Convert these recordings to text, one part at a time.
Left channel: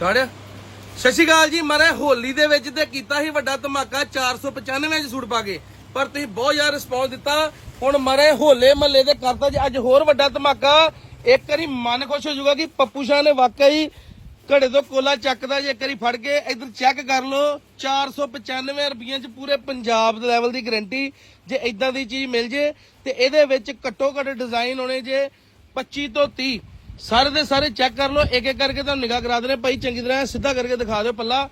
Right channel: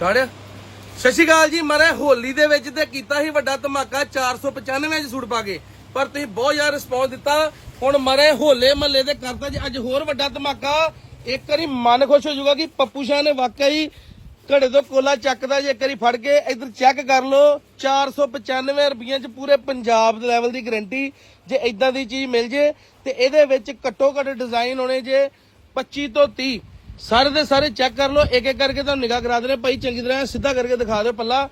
Start ਸਤਿ ਸ਼੍ਰੀ ਅਕਾਲ ਜੀ। ਮਰੇ ਹੋਲੀ ਦੇ ਵਿੱਚ ਤੇ ਕੀਤਾ ਸੀ ਵੱਡਾ ਧਮਾਕਾ 495 ਚ ਸੂਟ ਪਾ ਕੇ। ਪਰ ਤੁਸੀਂ ਬਹੁਤ ਜ਼ਿਆਦਾ ਰਿਸਪੌਂਸ ਦਿੱਤਾ। ਹੁਣ ਮਰੇ ਹੋਲੇ ਮਹੱਲੇ ਦੇ ਕਰਤਾ ਜੀ। ਅੱਜ ਹੋਰ ਵੱਡਾ ਧਮਾਕਾ। ਇੱਕ ਵਾਰੀ ਮਨ ਖੁਸ਼ ਹੋ ਜਾਊਗਾ ਕਿ ਪੱਪੂ ਸ਼ਾਹ ਨੇ ਵਾਕਈ ਘੜੇ ਤੋਂ ਕੋਲਾ ਚੱਕਦਾ ਜੇ। ਇੱਕ ਵਾਰੀ ਫੜ ਕੇ ਇੱਧਰ ਚੈੱਕ ਕਰ ਲਓ। 495 ਰੁਪਈਆਂ ਚ ਪੂਰੇ ਪੰਜਾਬ ਦੇ ਲੈਵਲ ਦੀ ਗਾਰੰਟੀ ਜੇ ਇਦਾਂ ਦੀ ਚੀਜ਼ ਮਿਲ ਜੇ ਤੇ ਇਹਦੇ ਵਿੱਚ ਘੱਟੋ ਘੱਟ ਡਿਜ਼ਾਈਨ ਹੋਣੇ ਜੇ 25 ਤੋਂ 30 ਸਾਰੇ ਦੇ ਸਾਰੇ ਚੈੱਕ ਕਰ ਲਓ ਇੱਕ ਇੱਕ ਕਰਕੇ ਤੁਹਾਨੂੰ ਨਿਗਾਹ ਕਰਾ ਦੇਣੇ ਭਾਈ, ਚੰਗੀ ਤਰ੍ਹਾਂ ਸਿੱਧਾ ਕਰਕੇ ਦਿਖਾ ਦਿਓ ਪੱਲਾ।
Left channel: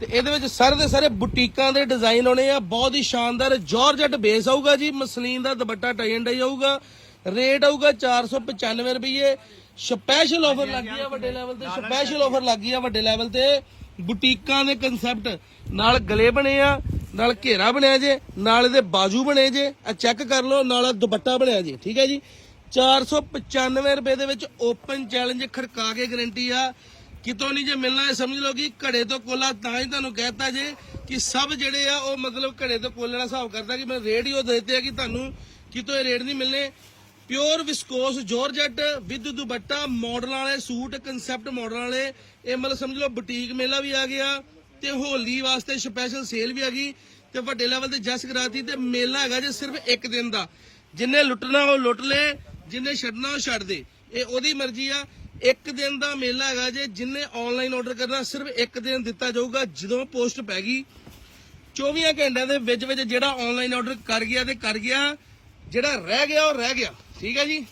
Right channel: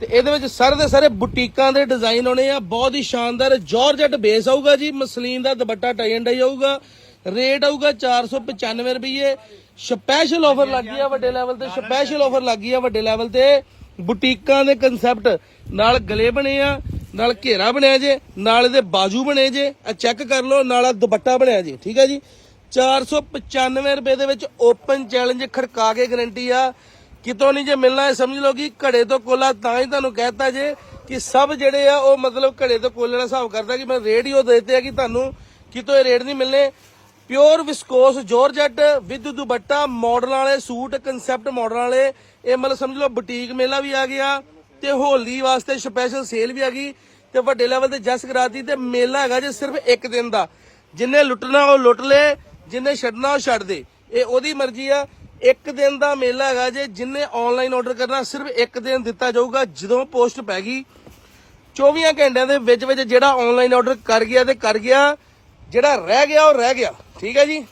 ਤੇ ਇਹਦੇ ਵਿੱਚ ਸਾਰੇ ਦੇ ਸਾਰੇ ਬੁਟੀਕਾਂ ਦੇ ਡਿਜ਼ਾਈਨ ਹੋਣੇ ਆ। ਬਹੁਤ ਹੀ ਸ਼ਾਨਦਾਰ ਜਾਰਜਟ ਬੇਸ ਆਊਗਾ ਜੀ। ਮਸਲੀਨ ਦਾ ਦੁਪੱਟਾ ਟਾਈ ਐਂਡ ਡਾਈ ਆਊਗਾ। ਰੇਟ ਆਊਗਾ 495 ਰੁਪਏ ਸਪੈਸ਼ਲ ਆਫਰ ਲੱਗੀ ਆ ਵੱਡੇ ਲੈਵਲ ਤੇ। ਸਪੈਸ਼ਲ ਆਫਰ ਲੱਗੀ ਆ ਵੱਡੇ ਲੈਵਲ ਤੇ। ਬੁਟੀਕਾਂ ਦੇ ਕਨਸੈਪਟ ਨਾਲ ਗਲੇ ਬਣੇ ਆ, ਨਾਲ ਘੇਰਾ ਬਣਿਆ ਜੇ, ਨਾਲ ਇਹਦੇ ਬਾਜੂ ਬਣੇ ਜੇ। ਆ ਚੈੱਕ ਕਰ ਲਓ, ਨਾਲ ਦੁਪੱਟਾ ਬਣਿਆ ਜੇ। ਠੀਕ ਹੈ ਜੀ? 495 ਰੁਪਏ ਦੇ ਵਿੱਚ ਓਪਨ ਚੈਲੰਜ ਖੜਕਾ ਕੇ ਗਰੰਟੀ ਆ। ਕਿਤੋਂ ਨਹੀਂ ਜੇ ਮਿਲਣਾ ਹੈ ਸਮਝ ਲਓ ਕਿ ਘੜੇ ਤੋਂ ਕੋਲਾ ਤਾਂ ਹੀ ਤੁਹਾਨੂੰ ਕਹਿਤਾ ਜੇ ਕਿ ਸਭ ਜਿਹੜੇ ਆ ਉਹ ਮਤਲਬ ਘੜੇ ਤੋਂ ਕੋਲੇ ਦਾ ਹਿਸਾਬ ਕਰਦਾ ਕਿ ਮੈਂ ਰੇਡੀਓ ਦੇਤੇ ਆ ਕਿ ਤੁਹਾਨੂੰ ਕਿਤੋਂ ਇਹ ਰੇਟ ਨਹੀਂ ਮਿਲਨੇ pure viscose georgette with dupatta model ਵਾਲੇ, ਸੂਟ ਕਨਸੈਪਟ ਮਾਡਲ ਵਾਲੇ, ਇਹ ਮਤਲਬ ਸਮਝ ਲਓ ਬੁਟੀਕ ਮੇਲਾ ਵੀ ਆ ਗਿਆ ਤੇ ਹੋਲੀ ਵਾਸਤੇ ਸਪੈਸ਼ਲ ਸੇਲ ਵੀ ਆ ਗਈ ਤੇ ਵੱਡੇ ਲੈਵਲ ਤੇ ਜਸ ਕਰਾਤੀ ਤੇ ਮੇਲਾ ਹੈਗਾ ਜੇ ਸਿਰਫ ਇੱਕ ਦਿਨ ਦਾ। ਜਿੰਨੇ ਲੁੱਟਣਾ ਉਹ ਲੁੱਟ ਲੇ ਜਿੰਨੇ ਛੱਡਣਾ ਉਹ ਛੱਡ ਦੇ। ਇਹ ਉਹਦੀ ਮਰਜ਼ੀ ਆ। ਇੱਕ ਦਿਨ ਦਾ ਮੇਲਾ ਹੈਗਾ ਜੇ, ਜਿੰਨੇ ਆਨਲਾਈਨ ਆਰਡਰ ਕਰਨਾ, ਸਿਰਫ ਇੱਕ ਦਿਨ ਦਿੱਤਾ ਜਾਊਗਾ, ਜਦੋਂ ਪੋਸਟ ਪੈ ਗਈ। 24 ਘੰਟਿਆਂ ਦੇ ਵਿੱਚ ਵਿੱਚ ਜਿਹੜਾ ਆਨਲਾਈਨ ਆਰਡਰ ਕਰ ਗਿਆ ਤੇ ਕਰ ਗਿਆ, ਜਿਹੜਾ ਰਹਿ ਗਿਆ, ਉਹ ਰਹਿ ਗਿਆ। ਠੀਕ ਹੈ ਜੀ?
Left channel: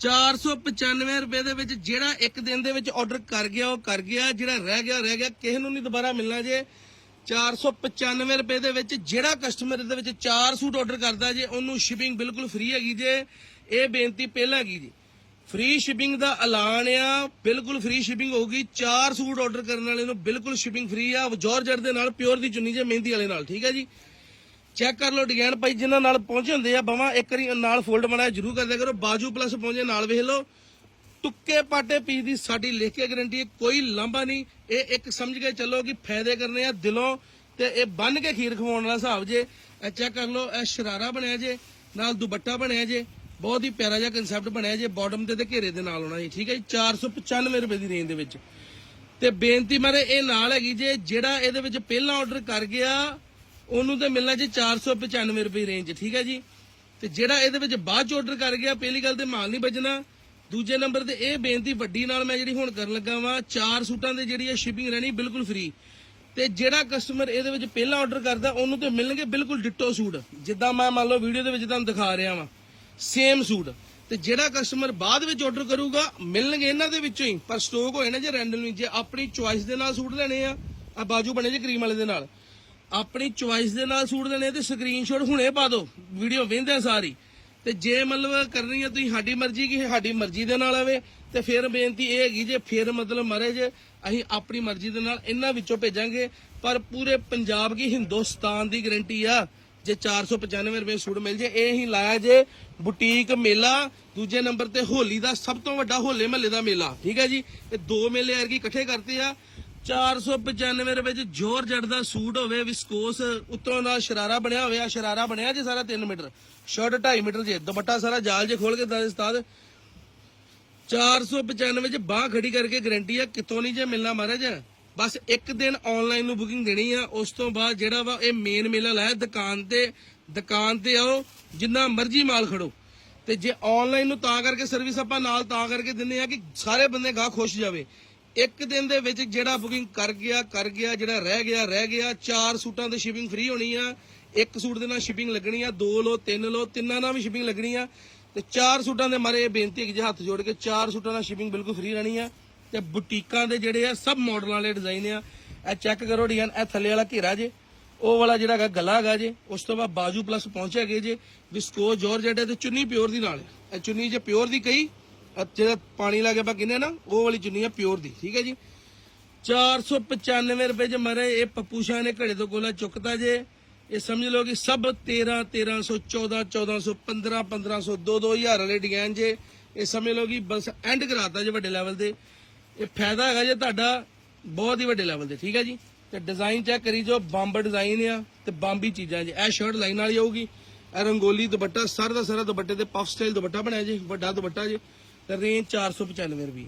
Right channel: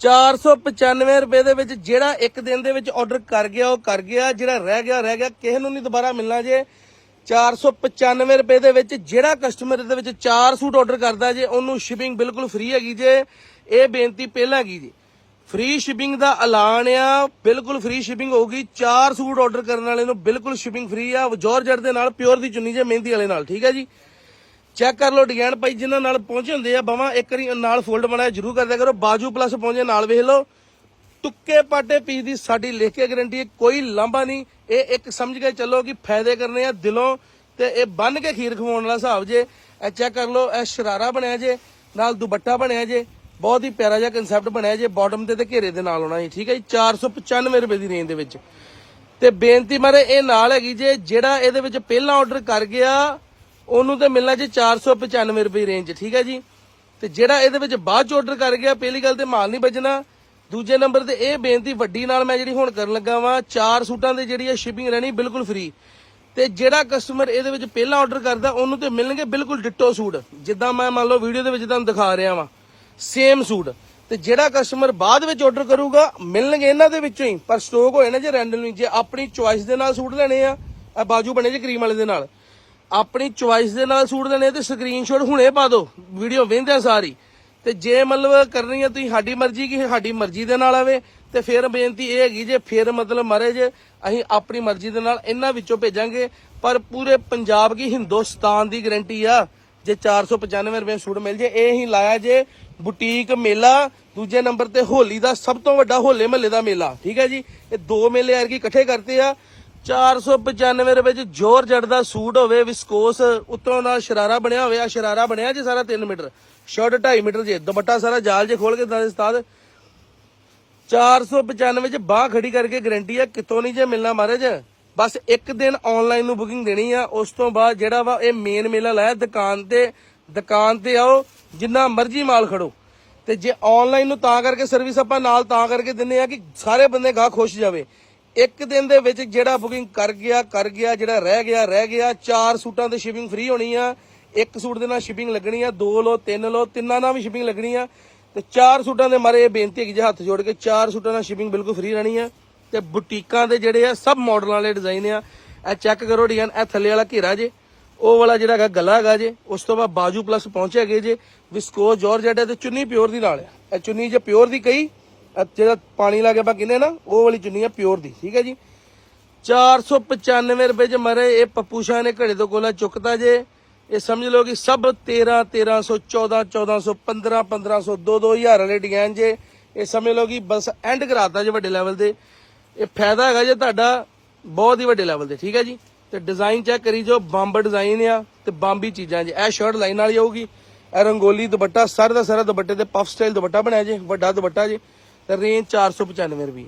495 ਰੁਪਏ ਦੇ ਵਿੱਚ ਜਿਹੜਾ ਇੱਕ ਦਿਨ ਦੇ ਵਿੱਚ ਆਰਡਰ ਕਰ ਗਿਆ, ਉਹ ਕਰ ਗਿਆ। ਜਿਹੜਾ ਰਹਿ ਗਿਆ ਰਹਿ ਗਿਆ। ਕਿਸੇ ਨੂੰ ਨਹੀਂ ਦੁਬਾਰਾ ਮਿਲਣਾ ਜੇ। 495 ਰੁਪਏ ਦੇ ਵਿੱਚ ਜਿਹੜਾ ਕਸਟਮਰ ਦੇ ਵਿੱਚ 4 ਸੂਟ ਆਰਡਰ ਕਰਦਾ ਜੇ, ਉਹਨੂੰ ਸ਼ਿਪਿੰਗ ਬਿਲਕੁਲ ਫ੍ਰੀ ਹੈਗੀ ਜੇ। ਇਹ ਬੇਨਤੀ ਪਹਿਲਾਂ ਹੈਗੀ ਜੀ। ਫ੍ਰੀ ਸ਼ਿਪਿੰਗ ਦਾ ਐਲਾਨ ਆ, ਬਿਲਕੁਲ ਫ੍ਰੀ ਸ਼ਿਪਿੰਗ ਹੋਊਗੀ। 4 ਸੂਟ ਆਰਡਰ ਕਰਨ ਵਾਲੇ ਨੂੰ ਬਿਲਕੁਲ ਸ਼ਿਪਿੰਗ ਫ੍ਰੀ ਆ। ਜੋਰਜਟ ਦੇ ਨਾਲ ਪਿਓਰ ਦੀ ਚੁੰਨੀ ਜੇ, ਮਹਿੰਦੀ ਵਾਲੇ ਨਾਲ, ਠੀਕ ਹੈ ਜੀ? ਚੈੱਕ ਕਰ ਲਓ ਡਿਜ਼ਾਈਨ ਭਾਈ, ਜਿਨ੍ਹਾਂ ਨਾਲ ਪਹੁੰਚੇ ਹੁੰਦੇ ਆ, ਬਾਵਾ ਇੱਕ ਵਾਰੀ ਨਾਲ ਫੋਲਡ ਬਣਾਇਆ ਜਰੂਰ ਕਰਦਿਆ ਕਰੋ। ਬਾਜੂ ਪਲੱਸ ਪਹੁੰਚੇ, ਨਾਲ ਵੇਖ ਲਓ। ਟੁੱਕੇ ਪਾਟੇ ਪੀ ਦੀ ਸਾਡੀ ਲਿਖ ਕੇ ਗਰੰਟੀ ਕੋਈ ਲਾਂਭਾ ਨਹੀਂ। ਇਹ ਇੱਕ ਸਮਝ ਕੇ ਚੱਲੋ ਕਿ ਫਾਇਦੇ ਕਰਨੇ ਆ ਦਿਲੋਂ ਤੇ ਇਹ ਬੰਨ ਕੇ ਖੀਰ ਖਵਾਉਣ ਵਾਲਾ ਹਿਸਾਬ ਜੇ, ਇਹ ਚੈੱਕ ਕਰ ਲਓ, ਇਹ ਸ਼ਰਾਰਾ ਬਣਿਆ ਜੇ, ਨਾਲ ਦੁਪੱਟਾ ਬਣਿਆ ਜੇ, ਬਹੁਤ ਹੀ ਪਿਆਰਾ ਜਿਹਾ ਕਨਸੈਪਟ ਬਣਿਆ ਜੇ ਬਾਟਮ ਤੇ ਤੇ ਘੇਰੇ ਦੇ ਨਾਲ ਹੋਣਾ ਜੀ, ਠੀਕ ਹੈ ਜੀ? 495 ਰੁਪਏ ਦੀ ਰੇਂਜ ਦੇ ਵਿੱਚ। ਤੇ ਬੇਨਤੀ ਮਾਰੇ, ਇਹ ਨਾਲ ਹੈਗੀ ਜੇ, ਜਿਹੜਾ ਇਹਦੇ ਵਿੱਚ ਪਹਿਲਾਂ ਆਰਡਰ ਕਰ ਗਿਆ, ਉਹਨੂੰ ਤੇ ਮਿਲਣਾ ਜੀ 495 ਰੁਪਏ ਰੇਂਜ ਠੀਕ ਹੈ ਜੀ? ਤੇ ਜਿਹੜਾ ਇਹਦੇ ਵਿੱਚ ਬਾਅਦ ਚ ਆਰਡਰ ਕਰ ਗਿਆ, ਪਹਿਲੀ ਗੱਲ ਤੇ ਮਾਲ ਨਹੀਂ ਬਚਣਾ ਦੂਜੇ ਨੰਬਰ ਤੇ ਇਹ ਬੇਨਤੀ ਵੱਡੀ ਨਾਲ ਮੈਂ ਜਿਹੜੀ ਹੁਣ ਕਰਨ ਲੱਗਾ ਵਾਂ, ਚਾਰ ਸੂਟਾਂ ਦੇ ਜਿਹੜੀ ਹੈ ਸ਼ਿਪਿੰਗ ਰਹਿਣੀ ਬਿਲਕੁਲ ਫ੍ਰੀ ਤੇ ਜਿਹੜਾ ਕਸਟਮਰ ਇਹਦੇ ਵਿੱਚ ਪਹਿਲਾਂ ਆਰਡਰ ਕਰਦਾ, ਉਹਨੂੰ ਤੇ ਮਿਲਣਗੇ ਬਿਲਕੁਲ ਡਿੱਟੋ ਸੂਟ। ਜਿੱਦਾਂ ਮੈਂ ਮੰਨ ਲਓ ਵੀਡੀਓ ਦੇ ਵਿੱਚ ਤੁਹਾਨੂੰ ਦਿਖਾ ਰਿਹਾ ਵਾਂ ਸੇਮ ਸੂਟ। ਤੇ ਜਿਹੜਾ ਕਸਟਮਰ ਬਾਅਦ ਵਿੱਚ ਆਰਡਰ ਕਰੂਗਾ, ਮਿਲਣਗੇ ਇਹਨਾਂ ਦੇ ਵਿੱਚੋਂ ਹੀ, ਪਰ ਸਟਾਕ ਹੋਏ ਨਾ ਜੇ ਰੈਂਡਮਲੀ ਜੇ ਆਪਣੀ ਚੁਆਇਸ ਦੇ ਨਾਲ ਸੂਟ ਲੈਣੇ ਆ ਆ ਬਾਜੂ ਬਣੇ ਜੇ ਕਰੀਮ ਵਾਲੇ ਦੇ ਨਾਲ। ਆਪਣੀ ਚੁਆਇਸ ਦੇ ਨਾਲ ਸੂਟ ਲੈਣੇ ਤੇ ਸਕਰੀਨਸ਼ਾਟ ਹੁਣੇ ਪਾ ਦਿਓ ਵੀਡੀਓ ਵੇਖਦੇ ਸਾਰੀ ਤੇ ਜੇ ਮਤਲਬ ਕਰਨੀ ਹੈ ਤੁਸੀਂ ਸਾਡੀ ਮਰਜ਼ੀ ਕਿ ਸਾਡੀ ਮਰਜ਼ੀ ਦੇ ਨਾਲ ਆਵੇ, ਤੇ ਫਿਰ ਬੇਨਤੀ ਇਹ ਹੈਗੀ ਜੇ ਫਿਰ ਮਤਲਬ ਮਰੇ ਜੇ, ਅਸੀਂ ਆਪਣੀ ਮਰਜ਼ੀ ਦੇ ਨਾਲ ਇਹਨਾਂ ਵਿੱਚੋਂ ਭੇਜਾਂਗੇ, ਪਰ ਪੂਰੇ ਪੰਜਾਬ ਕੀ ਹਿੰਦੁਸਤਾਨ ਦੀ ਗਰੰਟੀ ਆ, ਜੇ 495 ਰੁਪਏ ਸੂਟ ਮਿਲ ਜੇ, ਇਹ ਹੀ ਲਾਇਆ ਜੇ ਬੁਟੀਕ ਮੇਲਾ, ਦੂਜੇ ਨੰਬਰ ਤੇ ਹੋਲੀ ਦਾ ਸਭ ਤੋਂ ਵੱਡਾ ਹੋਲੇ ਮਹੱਲੇ ਦਾ ਮੇਲਾ, ਠੀਕ ਹੈ ਜੀ? ਇਹ ਦੋ ਮੇਲੇ ਯਾਰ ਐਰਕੀ ਇਕੱਠੇ ਕਰਤੇ ਆ 495 ਰੁਪਏ ਚ ਜੋਰ ਜੜ ਦਾ ਸੂਟ ਹੋਵੇ, ਵਿਸਕੋਸ, ਉੱਤੋਂ ਨਾਲ ਸ਼ਰਾਰਾ ਬਣਿਆ ਹੋਵੇ, ਆ ਸ਼ਰਾਰਾ ਬਣਿਆ ਜੀ ਸਾਰਾ 3 ਮੀਟਰ। ਸ਼ਰਟ 2.5 ਮੀਟਰ ਜੇ, ਦੁਪੱਟਾ ਸਾਰਾ ਜਾਲ ਜੇ ਖੋਲ ਕੇ ਦੱਸ ਉਸਤਾਦ। 495 ਚ ਬਾਹ ਖੜੀ ਕਰਕੇ ਗਾਰੰਟੀ ਆ, ਕਿਤੋਂ ਨਹੀਂ ਜੇ ਮਿਲਣਾ ਮਹਾਰਾਜ। ਬਸ ਇੱਕ ਦਿਨ ਆਨਲਾਈਨ ਨੂੰ ਬੁਕਿੰਗ ਦੇਣੀ ਆ, ਉਸ ਤੋਂ ਬਾਅਦ ਜਿਹੜਾ ਵਾ ਇਹ ਮੇਨ ਮੇਲਾ ਲਾਇਆ, ਦੁਕਾਨ ਤੇ ਦੁਕਾਨ ਤੇ ਆਓ, ਜਿੰਨਾ ਮਰਜ਼ੀ ਮਾਲ ਖੜੋ। ਤੇ ਜੇ ਆਨਲਾਈਨ ਨੂੰ ਤਾਂ ਕਰਕੇ ਸਰਵਿਸ ਆਪਾਂ ਨਾਲ ਤਾਂ ਕਰਕੇ ਦਿੰਨੇ ਆ ਕਿ ਸਾਰੇ ਬੰਦੇ ਗਾਹ ਖੁਸ਼ ਜਾਵੇ। ਇੱਕ ਦਿਨ ਦੇ ਵਿੱਚ ਜਿਹੜਾ ਬੁਕਿੰਗ ਕਰ ਗਿਆ ਕਰ ਗਿਆ, ਜਿਹੜਾ ਰਹਿ ਗਿਆ ਰਹਿ ਗਿਆ, ਚਾਰ ਸੂਟਾਂ ਤੇ ਸ਼ਿਪਿੰਗ ਫ੍ਰੀ ਹੋਣੀ ਆ। ਇੱਕ ਸੂਟ ਦੇ ਨਾਲ ਸ਼ਿਪਿੰਗ ਲੱਗਣੀ ਆ, ਦੋ ਲੋ ਤਿੰਨ ਲੋ ਤਿੰਨਾਂ ਨਾਲ ਵੀ ਸ਼ਿਪਿੰਗ ਲੱਗਣੀ ਆ। ਤੇ ਚਾਰ ਸੂਟਾਂ ਦੇ ਮਾਰੇ ਇਹ ਬੇਨਤੀ ਹੈ ਕਿ ਜੇ ਹੱਥ ਜੋੜ ਕੇ, ਚਾਰ ਸੂਟਾਂ ਨਾਲ ਸ਼ਿਪਿੰਗ ਬਿਲਕੁਲ ਫ੍ਰੀ ਰਹਿਣੀ ਆ। ਤੇ ਬੁਟੀਕਾਂ ਦੇ ਜਿਹੜੇ ਆ, ਸਭ ਮਾਡਲਾਂ ਵਾਲੇ ਡਿਜ਼ਾਈਨ ਆ। ਇਹ ਚੈੱਕ ਕਰੋ ਡਿਜ਼ਾਈਨ, ਇਹ ਥੱਲੇ ਵਾਲਾ ਘੇਰਾ ਜੇ। ਉਹ ਵਾਲਾ ਜਿਹੜਾ ਹੈਗਾ, ਗਲਾ ਹੈਗਾ ਜੇ। ਉਸ ਤੋਂ ਬਾਅਦ ਬਾਜੂ ਪਲੱਸ ਪਹੁੰਚਿਆ ਗਏ ਜੇ। ਵਿਸਕੋ ਜਾਰਜਟ ਹੈ ਤੇ ਚੁੰਨੀ ਪਿਓਰ ਦੀ ਨਾਲ ਆ। ਇਹ ਚੁੰਨੀ ਜੇ ਪਿਓਰ ਦੀ ਕਹੀ ਇਹ ਜਿਹੜਾ ਪਾਣੀ ਲਾ ਕੇ ਆਪਾਂ ਕਹਿੰਦੇ ਨਾ, ਉਹ ਵਾਲੀ ਚੁੰਨੀ ਆ ਪਿਓਰ ਦੀ, ਠੀਕ ਹੈ ਜੀ? 495 ਰੁਪਏ ਚ ਮਰੇ, ਇਹ ਪੱਪੂ ਸ਼ਾਹ ਨੇ ਘੜੇ ਤੋਂ ਕੋਲਾ ਚੁੱਕਤਾ ਜੇ। ਇਹ ਸਮਝ ਲਓ ਕਿ ਸਭ 13 1300 14 1400 15 1500 2 2000 ਵਾਲੇ ਡਿਜ਼ਾਈਨ ਜੇ। ਇਹ ਸਮਝ ਲਓ ਕਿ ਬਸ ਐਂਡ ਕਰਾਤਾ ਜੇ ਵੱਡੇ ਲੈਵਲ ਤੇ ਇਹ ਫਾਇਦਾ ਹੈਗਾ ਜੇ ਤੁਹਾਡਾ ਬਹੁਤ ਹੀ ਵੱਡੇ ਲੈਵਲ ਤੇ ਠੀਕ ਹੈ ਜੀ? ਤੇ ਡਿਜ਼ਾਈਨ ਚੈੱਕ ਕਰੀ ਜੋ ਬੰਬ ਡਿਜ਼ਾਈਨ ਆ ਤੇ ਬੰਬੀ ਚੀਜ਼ਾਂ ਜੇ। ਇਹ ਸ਼ਰਟ ਲਾਈਨ ਵਾਲੀ ਆਊਗੀ, ਇਹ ਰੰਗੋਲੀ ਦੁਪੱਟਾ, ਸਾਰਾ ਦਾ ਸਾਰਾ ਦੁਪੱਟੇ ਤੇ ਪਫ ਸਟਾਈਲ ਦੁਪੱਟਾ ਬਣਾਇਆ ਜੇ, ਵੱਡਾ ਦੁਪੱਟਾ ਜੇ। ਤੇ ਰੇਂਜ 495 ਰੁਪਏ।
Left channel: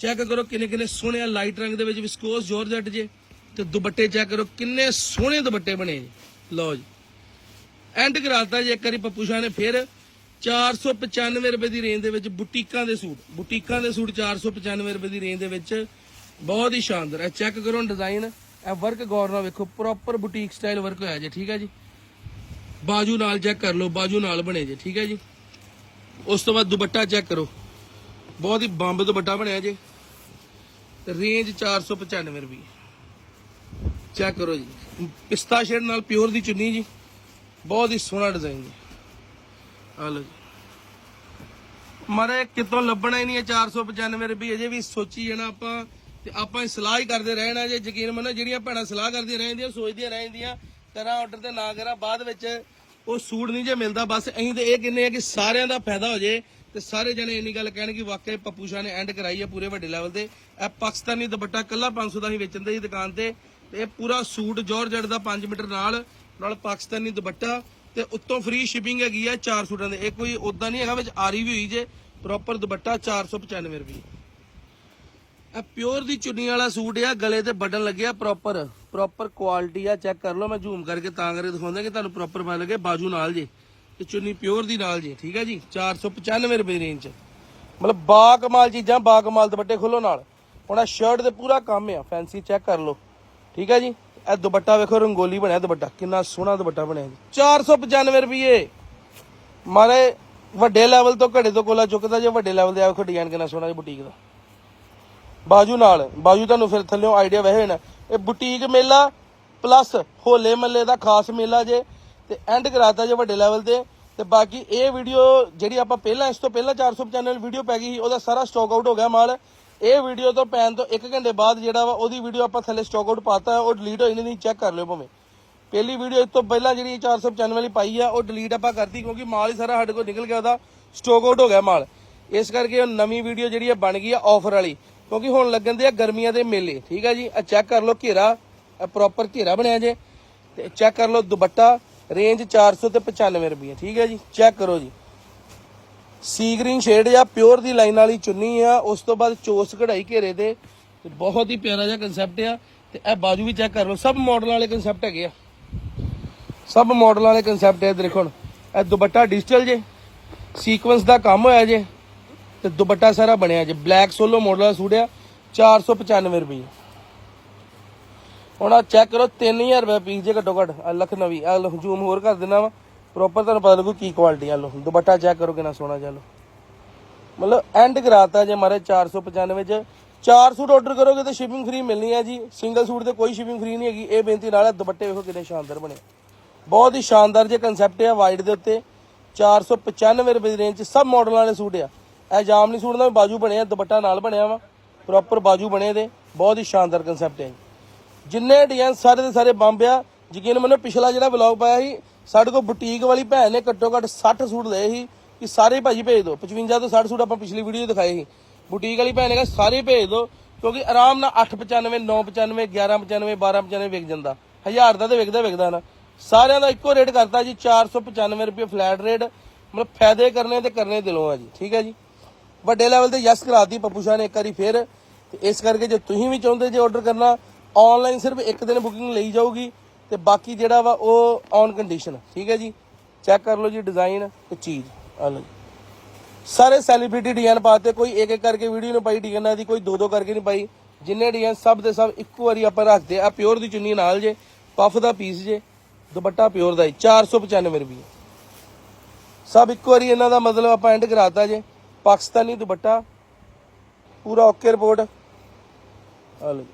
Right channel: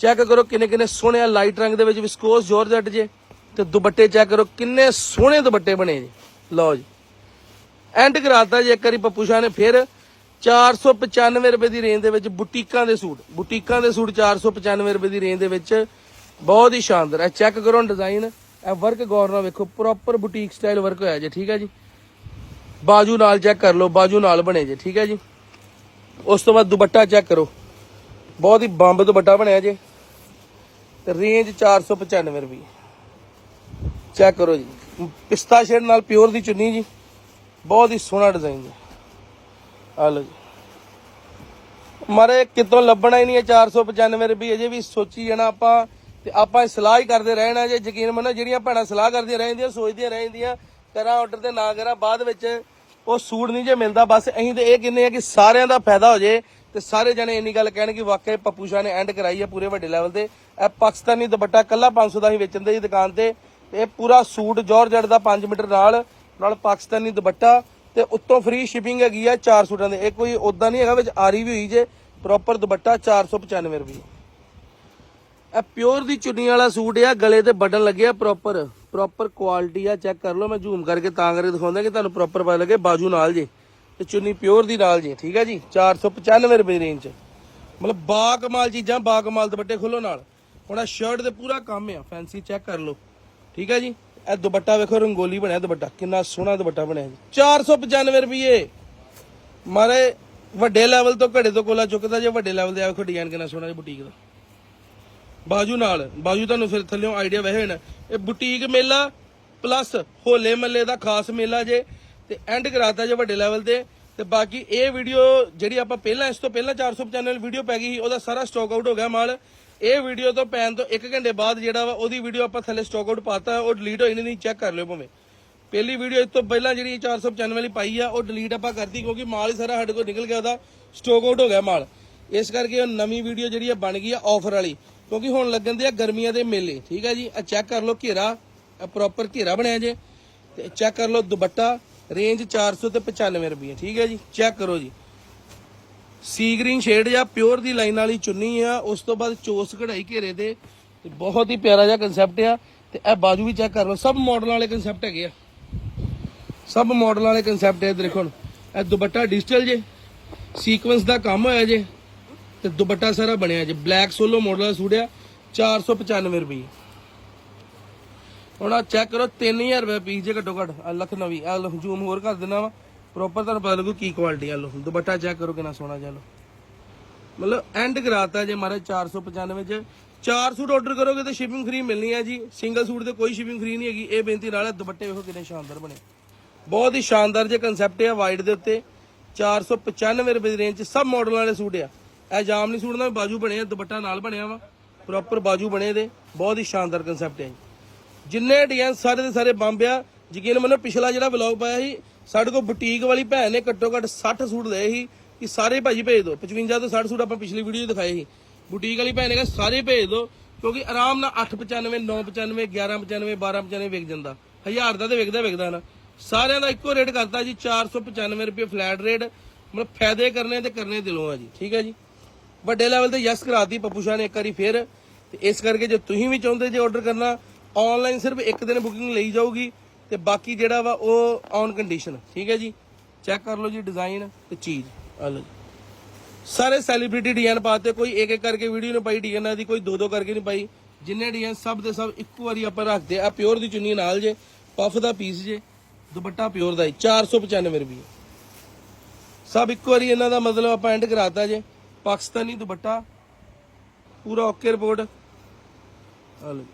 ਚੈੱਕ ਕਰੋ ਕਿੰਨੇ ਕਿੰਨੇ ਸੋਹਣੇ ਆ ਲਾਈਟ ਰੰਗ ਦੇ ਵਿੱਚ ਵਿਸਕੋਸ ਜਾਰਜਟ ਜੇ। ਤੇ ਦੁਪੱਟੇ ਚੈੱਕ ਕਰੋ ਕਿੰਨੇ ਸੋਹਣੇ ਦੁਪੱਟੇ ਬਣੇ ਜੀ। ਲਓ ਜੀ। ਐਂਡ ਕਰਾਤਾ ਜੀ, ਇੱਕ ਵਾਰੀ ਪੱਪੂ ਸ਼ਾਹ ਨੇ ਫਿਰ 495 ਰੁਪਏ ਦੀ ਰੇਂਜ ਦੇ ਵਿੱਚ ਬੁਟੀਕਾਂ ਦੇ ਸੂਟ। ਬੁਟੀਕਾਂ ਦੇ ਸੂਟ 495 ਰੁਪਏ ਦੀ ਰੇਂਜ ਦੇ ਵਿੱਚ ਬਹੁਤ ਹੀ ਸ਼ਾਨਦਾਰ। ਹੈ ਚੈੱਕ ਕਰੋ ਡਿਜ਼ਾਈਨ ਇਹ ਵਰਕ ਗੌਰ ਨਾਲ ਵੇਖੋ ਪ੍ਰੋਪਰ ਬੁਟੀਕ ਸਟਾਈਲ ਵਰਕ ਹੋਇਆ ਜੇ, ਠੀਕ ਹੈ ਜੀ? ਬਾਜੂ ਨਾਲ ਚੈੱਕ ਕਰ ਲਓ, ਬਾਜੂ ਨਾਲ ਬਣੇ ਜੇ, ਠੀਕ ਹੈ ਜੀ? ਉਸ ਤੋਂ ਬਾਅਦ ਦੁਪੱਟਾ ਚੈੱਕ ਕਰੋ। ਬਹੁਤ ਹੀ ਬੰਬ ਤੋਂ ਵੱਡਾ ਬਣਿਆ ਜੀ। ਤੇ ਰੇਂਜ 495 ਰੁਪਏ। ਚੈੱਕ ਕਰੋ ਜੀ। ਪਿਸਤਾ ਸ਼ੇਡ ਨਾਲ ਪਿਓਰ ਦੀ ਚੁੰਨੀ ਜੀ। ਬਹੁਤ ਹੀ ਸੋਹਣਾ ਡਿਜ਼ਾਈਨ ਜੀ। ਆ ਲਓ ਜੀ। ਮਾਰੇ, ਕਿਤੋਂ ਲੱਭਣਾ ਹੀ ਨਹੀਂ ਹੈ 495 ਰੁਪਏ। ਅਜੇ ਵੀ ਸੋਚੀ ਜਾਣਾ ਆਪਾਂ। ਤੇ ਆਪਾਂ ਸਲਾਹ ਹੀ ਕਰਦੇ ਰਹਿਣਾ ਜੇ। ਯਕੀਨ ਮੰਨੋ, ਜਿਹੜੀਆਂ ਭੈਣਾਂ ਸਲਾਹ ਕਰਦੀਆਂ ਰਹਿੰਦੀਆਂ ਸੋਚਦੀਆਂ ਰਹਿੰਦੀਆਂ ਕਰਾਂ ਆਰਡਰ ਤੇ ਨਾ ਕਰਾਂ, ਬਾਅਦ ਵਿੱਚ ਉਹ ਸੂਟ ਨਹੀਂ ਜੇ ਮਿਲਦਾ। ਬਸ ਅਸੀਂ ਤੇ ਇਹ ਕਹਿੰਦੇ ਆ ਕਿ ਸਾਰਿਆਂ ਦਾ ਫਾਇਦਾ ਹੋ ਜੇ। ਤੇ ਸਾਰੇ ਜਣੇ ਇੰਨੀ ਗੱਲ ਕਹਿਣ ਕਿ ਵਾਕਈ ਪੱਪੂ ਸ਼ਾਹ ਨੇ ਐਂਡ ਕਰਾਈ ਹੈ ਪੂਰੇ ਵੱਡੇ ਲੈਵਲ ਤੇ। ਇਹ ਪਾਕਿਸਤਾਨੀ ਦੁਪੱਟਾ ਕੱਲਾ 500 ਦਾ ਹੀ ਵੇਚਣ ਦੇ ਜੀ ਦੁਕਾਨ ਤੇ। ਇਹ ਪੂਰਾ ਸੂਟ ਜਾਰਜਟ ਦਾ 5 ਮੀਟਰ ਨਾਲ ਨਾਲ ਪਾਕਿਸਤਾਨੀ ਦੁਪੱਟਾ ਤੇ ਉੱਤੋਂ ਫ੍ਰੀ ਸ਼ਿਪਿੰਗ ਹੈਗੀ ਆ 4 ਸੂਟਾਂ ਦੇ। ਇਹ ਕੋਈ ਉਦਾਂ ਨਹੀਂ ਹੈਗਾ ਵਿੱਚ ਆਰੀ ਵੀ ਹੋਈ ਜੇ ਪ੍ਰੋਪਰ ਦੁਪੱਟਾ 495 ਰੁਪਏ। ਇਹ ਪਿਓਰ ਦੀ ਚੁੰਨੀ ਵਾਲਾ ਸੂਟ ਆ, ਗਲੇ ਤੇ ਬਟਨ ਲੱਗੇ ਆ ਪ੍ਰੋਪਰ ਪ੍ਰੋਪਰ ਕੁਆਲਿਟੀ ਆ ਚੈੱਕ ਕਰ ਲਓ, ਮੈਂ ਜ਼ੂਮ ਕਰਕੇ ਤਾਂ ਕਰਕੇ ਦਿਖਾਉਂਦਾ ਕਿ ਤੁਹਾਨੂੰ ਪ੍ਰੋਪਰ ਪਤਾ ਲੱਗੇ, ਬਾਜੂ ਨਾਲ ਜੇ। ਤੇ ਚੁੰਨੀ ਪਿਓਰ ਦੀ ਨਾਲ ਜੇ, ਠੀਕ ਹੈ ਜੀ? 495 ਰੁਪਏ ਰੇਂਜ ਮਤਲਬ ਬਾ ਕਮਾਲ ਚੀਜ਼ਾਂ ਬਾ ਕਮਾਲ ਦੁਪੱਟੇ ਖੋਲੋ ਨਾਲ। ਹੁਣ ਆ ਸ਼ਰਟ ਤੇ ਪੂਰਾ ਕੰਮ ਆ ਫੈਂਸੀ ਚੈੱਕ ਕਰ ਲਓ। ਠੀਕ ਹੈ ਜੀ? ਇਹ ਦੁਪੱਟਾ ਵੇਖੋ, ਰੰਗੋਲੀ ਬਣਿਆ ਦੁਪੱਟਾ। ਕਿੰਨਾ ਸੋਹਣਾ ਦੁਪੱਟਾ ਬਣਿਆ ਜੀ। 495 ਰੁਪਏ। ਮਾਰੇ, ਵੱਡੇ ਲੈਵਲ ਤੋਂ ਘੜੇ ਤੋਂ ਕੋਲਾ ਚੁੱਕਦਾ ਜੇ ਵੱਡੇ ਲੈਵਲ ਦੇ ਆ, ਵੇਖੋ ਡਿਜ਼ਾਈਨ ਕਿੰਨਾ ਸੋਹਣਾ ਜੀ ਬੁਟੀਕ ਦਾ। ਬਾਜੂ ਨਾਲ, ਬਾਜੂ ਤੁਹਾਨੂੰ ਫਿਰ ਥੱਲੇੋਂ ਆਈਡੀਆ ਵਹਿ ਹੋਣਾ ਇਹ ਬੁਟੀਕ ਮੇਲਾ ਪਲੱਸ ਹੋਲੇ ਮੱਲੇ ਦਾ ਖਾਸ ਮੇਲਾ ਜੇ ਤੇ ਐਂਡ ਕਰਾਤਾ ਜੇ ਵੱਡੇ ਲੈਵਲ ਤੇ। ਤੇ ਬਾਕੀ ਇਹ ਵੀਡੀਓ ਜਿਹੜੀ ਆਪਾਂ ਪਹਿਲਾਂ, ਇਸ ਤੋਂ ਪਹਿਲਾਂ 495 ਵੀਡੀਓ ਪੈ ਗਈ ਸੀ, ਉਹਦਾ ਸਾਰਾ ਸਟਾਕ ਆਊਟ ਹੋ ਗਿਆ ਮਾਲ। ਇਹ ਵੀਡੀਓ ਤੋਂ ਪੈਣ ਤੋਂ 1 ਘੰਟੇ ਬਾਅਦ ਜਿਹੜਾ ਵਾ, ਉਹਦੀ ਵੀਡੀਓ ਆਪਾਂ ਥੱਲੇ ਸਟਾਕ ਆਊਟ ਪਾਤਾ, ਉਹ ਡਿਲੀਟ ਹੋਈ ਨਹੀਂ ਚੈੱਕ ਕਰ ਲਿਓ ਭਾਵੇਂ। ਪਹਿਲੀ ਵੀਡੀਓ ਇਸ ਤੋਂ ਪਹਿਲਾਂ ਜਿਹੜੀ 495 ਵਾਲੀ ਪਾਈ ਆ, ਉਹ ਡਿਲੀਟ ਆਪਾਂ ਕਰਤੀ ਕਿਉਂਕਿ ਮਾਲ ਹੀ ਸਾਰਾ ਸਾਡੇ ਕੋਲ ਨਿਕਲ ਗਿਆ, ਉਹਦਾ ਸਟਾਕ ਆਊਟ ਹੋ ਗਿਆ ਮਾਲ। ਇਸ ਕਰਕੇ ਉਹ ਨਵੀਂ ਵੀਡੀਓ ਜਿਹੜੀ ਆ ਬਣ ਗਈ ਆ ਆਫਰ ਵਾਲੀ। ਕਿਉਂਕਿ ਹੁਣ ਲੱਗਣ ਦੇ ਆ ਗਰਮੀਆਂ ਦੇ ਮੇਲੇ, ਠੀਕ ਆ ਜੀ? ਆ ਚੈੱਕ ਕਰ ਲਓ ਘੇਰਾ ਪ੍ਰੋਪਰ ਘੇਰਾ ਬਣਿਆ ਜੇ। ਤੇ ਚੈੱਕ ਕਰ ਲਓ ਦੁਪੱਟਾ। ਰੇਂਜ 400 ਤੇ 95 ਰੁਪਏ ਠੀਕ ਹੈ ਜੀ? ਚੈੱਕ ਕਰੋ ਜੀ। ਸੀ ਗ੍ਰੀਨ ਸ਼ੇਡ ਜਾਂ ਪਿਓਰ ਦੀ ਲਾਈਨ ਵਾਲੀ ਚੁੰਨੀ ਆ, ਉਸ ਤੋਂ ਬਾਅਦ ਚੋਸ ਕਢਾਈ ਘੇਰੇ ਦੇ ਤੇ ਬਹੁਤ ਹੀ ਪਿਆਰਾ ਜਿਹਾ ਕਨਸੈਪਟ ਆ। ਤੇ ਇਹ ਬਾਜੂ ਵੀ ਚੈੱਕ ਕਰ ਲਓ, ਸਭ ਮਾਡਲ ਵਾਲੇ ਕਨਸੈਪਟ ਹੈਗੇ ਆ। ਸਭ ਮਾਡਲ ਵਾਲੇ ਕਨਸੈਪਟ ਹੈ ਦੇਖੋ ਹੁਣ। ਇਹ ਦੁਪੱਟਾ ਡਿਜੀਟਲ ਜੇ ਸੀਕੁਐਂਸ ਦਾ ਕੰਮ ਹੋਇਆ ਜੇ, ਤੇ ਦੁਪੱਟਾ ਸਾਰਾ ਬਣਿਆ ਜੇ। ਬਲੈਕ ਸੋਲੋ ਮਾਡਲ ਦਾ ਸੂਟ ਆ 495 ਰੁਪਏ ਹੁਣ ਆ ਚੈੱਕ ਕਰੋ 3000 ਰੁਪਏ ਪੀਸ ਜੇ ਘੱਟੋ ਘੱਟ, ਆਹ ਲੱਖ ਆ ਲੋ ਜ਼ੂਮ ਹੋਰ ਕਰ ਦਿੰਦਾ ਵਾ। ਪ੍ਰੋਪਰ ਤੁਹਾਨੂੰ ਪਤਾ ਲੱਗੂ ਕੀ ਕੁਆਲਿਟੀ ਆ ਲੋ ਦੁਪੱਟਾ ਚੈੱਕ ਕਰੋ ਕਿੰਨਾ ਸੋਹਣਾ ਚੱਲ ਮਤਲਬ ਐਂਡ ਕਰਾਤਾ ਜੇ ਮਾਰੇ 495 ਚ ਚਾਰ ਸੂਟ ਆਰਡਰ ਕਰੋਗੇ ਤਾਂ ਸ਼ਿਪਿੰਗ ਫ੍ਰੀ ਮਿਲਣੀ ਹੈ ਜੀ। ਸਿੰਗਲ ਸੂਟ ਤੇ ਕੋਈ ਸ਼ਿਪਿੰਗ ਫ੍ਰੀ ਨਹੀਂ ਹੈਗੀ। ਇਹ ਬੇਨਤੀ ਨਾਲ ਹੈ ਦੁਪੱਟੇ ਵੇਖੋ ਕਿੰਨੇ ਸ਼ਾਨਦਾਰ ਬਣੇ। ਬਹੁਤ ਹੀ ਸ਼ਾਨਦਾਰ ਜੇ ਕਨਸੈਪਟ ਹੈ ਵਾਈਡ ਦੇ ਉੱਤੇ। 495 ਰੁਪਏ ਦੀ ਰੇਂਜ 'ਚ ਸਭ ਮਾਡਲ ਵਾਲੇ ਸੂਟ ਆ। ਇਹ ਜਾਮਨੀ ਸੂਟ ਦਾ ਵੀ ਬਾਜੂ ਬਣਿਆ ਦੁਪੱਟਾ ਨਾਲ ਬਣਿਆ ਵਾ। ਪ੍ਰੋਪਰ ਬਾਜੂ ਬਣੇ ਦੇ। ਬਹੁਤ ਹੀ ਸ਼ਾਨਦਾਰ ਕਨਸੈਪਟ ਹੈ ਜਿੰਨੇ ਡਿਜ਼ਾਈਨ ਸਾਰੇ ਦੇ ਸਾਰੇ ਬੰਬ ਆ, ਯਕੀਨ ਮੈਨੂੰ ਪਿਛਲਾ ਜਿਹੜਾ ਵਲੌਗ ਪਾਇਆ ਸੀ, ਸਾਡੇ ਕੋਲ ਬੁਟੀਕ ਵਾਲੀ ਭੈਣ ਨੇ ਘੱਟੋ ਘੱਟ 60 ਸੂਟ ਲਏ ਸੀ, ਕਿ ਸਾਰੇ ਭਾਜੀ ਭੇਜ ਦਿਓ 55 ਤੋਂ 60 ਸੂਟ ਆਪਾਂ ਪਿਛਲੀ ਵੀਡੀਓ 'ਚ ਦਿਖਾਏ ਸੀ। ਬੁਟੀਕ ਵਾਲੀ ਭੈਣ ਨੇ ਕਿਹਾ, ਸਾਰੇ ਭੇਜ ਦਿਓ ਕਿਉਂਕਿ ਆਰਾਮ ਨਾਲ 895 995 1195 1295 ਵਿਕ ਜਾਂਦਾ। ਹਜ਼ਾਰ ਦਾ ਤੇ ਵਿਕਦਾ ਵਿਕਦਾ ਨਾ। ਸਾਰਿਆਂ ਦਾ ਇੱਕੋ ਰੇਟ ਕਰਤਾ ਜੀ 495 ਰੁਪਏ ਫਲੈਟ ਰੇਟ ਮਤਲਬ ਫਾਇਦੇ ਕਰਨੇ ਤੇ ਕਰਨੇ ਦਿਲੋਂ ਆ ਜੀ, ਠੀਕ ਹੈ ਜੀ? ਵੱਡੇ ਲੈਵਲ ਤੇ ਯਸ ਕਰਾਤੀ, ਪੱਪੂ ਸ਼ਾਹ ਨੇ ਇੱਕ ਵਾਰੀ ਫੇਰ, ਤੇ ਇਸ ਕਰਕੇ ਜੇ ਤੁਸੀਂ ਵੀ ਚਾਹੁੰਦੇ ਜੇ ਆਰਡਰ ਕਰਨਾ ਆਨਲਾਈਨ ਸਿਰਫ ਇੱਕ ਦਿਨ ਬੁਕਿੰਗ ਲਈ ਜਾਊਗੀ ਤੇ ਬਾਕੀ ਜਿਹੜਾ ਵਾ ਉਹ ਔਨ ਕੰਡੀਸ਼ਨ ਠੀਕ ਹੈ ਜੀ? ਚੈੱਕ ਕਰ ਲਓ ਜੀ ਡਿਜ਼ਾਈਨ ਤੇ ਚੀਜ਼, ਆ ਲਓ ਸਾਰੇ ਸੈਲੀਬ੍ਰਿਟੀ ਡਿਜ਼ਾਈਨ ਪਾਤੇ, ਕੋਈ ਇੱਕ ਇੱਕ ਕਰਕੇ ਵੀਡੀਓ ਨੂੰ ਪਾਈ ਡਿਜ਼ਾਈਨਾਂ ਦੀ ਕੋਈ ਦੋ ਦੋ ਕਰਕੇ ਨਹੀਂ ਪਾਈ। ਜਿੰਨੇ ਡਿਜ਼ਾਈਨ ਸਭ ਦੇ ਸਭ ਇੱਕੋ ਵਾਰੀ ਆਪਾਂ ਰੱਖਦੇ ਆ ਪਿਓਰ ਦੀ ਚੁੰਨੀ ਨਾਲ ਜੇ ਪਫ ਦਾ ਪੀਸ ਜੇ, ਦੁਪੱਟਾ ਪਿਓਰ ਦਾ ਹੀ 495 ਰੁਪਏ ਸਭ ਇੱਕੋ ਵਾਰੀ ਇਹਨਾਂ ਦਾ ਮਤਲਬ ਆਪਾਂ ਐਂਡ ਕਰਾਤਾ ਜੇ, ਪਾਕਿਸਤਾਨੀ ਦੁਪੱਟਾ, ਪੂਰਾ ਓਕੇ ਰਿਪੋਰਟ ਆ ਲਓ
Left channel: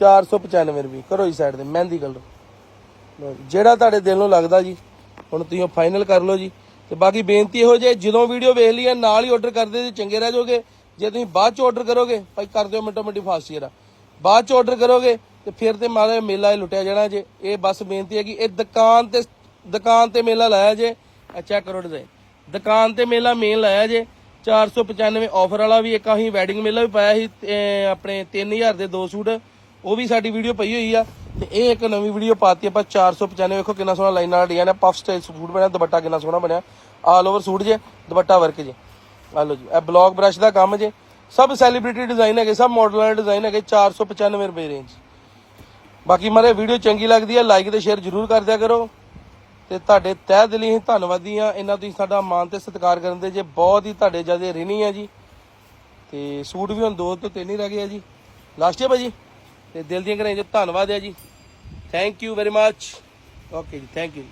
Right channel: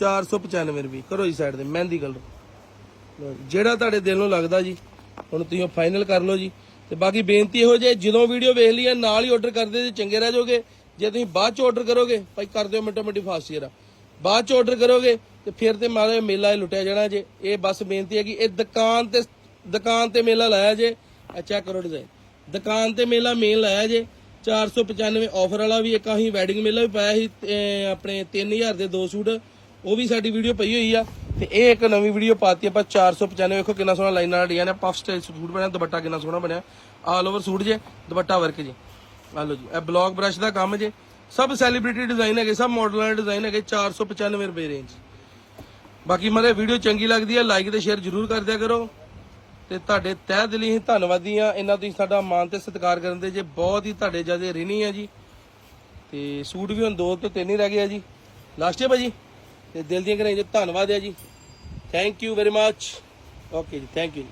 495 ਰੁਪਏ। ਕਰੋ ਜੀ ਸਾਈਡ ਤੇ, ਮਹਿੰਦੀ ਕਲਰ ਜਿਹੜਾ ਤੁਹਾਡੇ ਦਿਲ ਨੂੰ ਲੱਗਦਾ ਜੀ, ਹੁਣ ਤੁਸੀਂ ਫਾਈਨਲ ਕਰ ਲਓ ਜੀ। ਤੇ ਬਾਕੀ ਬੇਨਤੀ ਇਹੋ ਜੇ ਜਦੋਂ ਵੀਡੀਓ ਵੇਖ ਲਈ ਹੈ ਨਾਲ ਹੀ ਆਰਡਰ ਕਰਦੇ ਤੇ ਚੰਗੇ ਰਹਿ ਜਾਓਗੇ। ਜੇ ਤੁਸੀਂ ਬਾਅਦ ਚ ਆਰਡਰ ਕਰੋਗੇ, ਭਾਈ ਕਰ ਦਿਓ ਮਿੰਟੋ ਮਿੰਟੀ ਫਾਸਟ ਜਰਾ ਬਾਅਦ ਚ ਆਰਡਰ ਕਰੋਗੇ, ਤੇ ਫਿਰ ਤੇ ਮਾਰੇ ਮੇਲਾ ਲੁੱਟਿਆ ਜਾਣਾ ਜੇ। ਇਹ ਬਸ ਬੇਨਤੀ ਹੈ ਕਿ ਇਹ ਦੁਕਾਨ ਤੇ ਦੁਕਾਨ ਤੇ ਮੇਲਾ ਲਾਇਆ ਜੇ। ਅੱਛਾ ਚੈੱਕ ਕਰੋ ਡਿਜ਼ਾਈਨ ਦੁਕਾਨ ਤੇ ਮੇਲਾ ਮੇਨ ਲਾਇਆ ਜੇ। 495 ਆਫਰ ਵਾਲਾ ਵੀ ਇੱਕ ਅਸੀਂ ਵੈਡਿੰਗ ਮੇਲਾ ਵੀ ਪਾਇਆ ਸੀ, ਤੇ, ਆਪਣੇ 3000 ਦੇ ਦੋ ਸੂਟ। ਉਹ ਵੀ ਸਾਡੀ ਵੀਡੀਓ ਪਈ ਹੋਈ ਆ ਤੇ ਇਹ ਇੱਕ ਨਵੀਂ ਵੀਡੀਓ ਪਾਤੀ ਆਪਾਂ 495 ਵੇਖੋ ਕਿੰਨਾ ਸੋਹਣਾ ਲਾਈਨ ਵਾਲਾ ਡਿਜ਼ਾਈਨ ਹੈ ਪਫ ਸਟਾਈਲ ਸੂਟ ਬਣਿਆ, ਦੁਪੱਟਾ ਕਿੰਨਾ ਸੋਹਣਾ ਬਣਿਆ। ਆਲ ਓਵਰ ਸੂਟ ਜੇ, ਦੁਪੱਟਾ ਵਰਕ ਜੇ। ਆ ਲਓ ਜੀ, ਇਹ ਬਲੌਕ ਬ੍ਰਸ਼ ਦਾ ਕੰਮ ਜੇ। ਸਭ ਸੈਲੀਬ੍ਰਿਟੀ ਡਿਜ਼ਾਈਨ ਹੈਗੇ, ਸਭ ਮਾਡਲਾਂ ਦੇ ਡਿਜ਼ਾਈਨ ਹੈਗੇ 495 ਰੁਪਏ ਰੇਂਜ ਬਾਕੀ ਮਾਰੇ ਵੀਡੀਓ ਚੰਗੀ ਲੱਗਦੀ ਹੈ ਲਾਈਕ ਤੇ ਸ਼ੇਅਰ ਜ਼ਰੂਰ ਕਰ ਦਿਆ ਕਰੋ। ਤੇ ਤੁਹਾਡੇ ਤਹਿ ਦਿਲੀ ਅਸੀਂ ਧੰਨਵਾਦੀ ਆ, ਇਹਨਾਂ ਤੁਸੀਂ ਸਾਡਾ ਮਾਣ ਤੇ ਸਤਿਕਾਰ ਕਰਨ ਦੇ ਜੇ। ਬਹੁਤ ਹੀ ਤੁਹਾਡੇ ਜ਼ਿਆਦਾ ਰਿਣੀ ਆ ਜੀ। ਤੇ ਸੂਟ ਵੀ ਹੁਣ ਦੋ ਤੋਂ ਤਿੰਨ ਹੀ ਰਹਿ ਗਏ ਆ ਜੀ। ਲਾਸਟ ਹੈ ਭਾਜੀ? ਤੇ ਦਿਲ ਦੀਆਂ ਕਰਾਈ ਜੀ ਧੰਨਵਾਦ ਹੈ ਜੀ। Thank you very much okay ਜੀ ਥੈਂਕ ਯੂ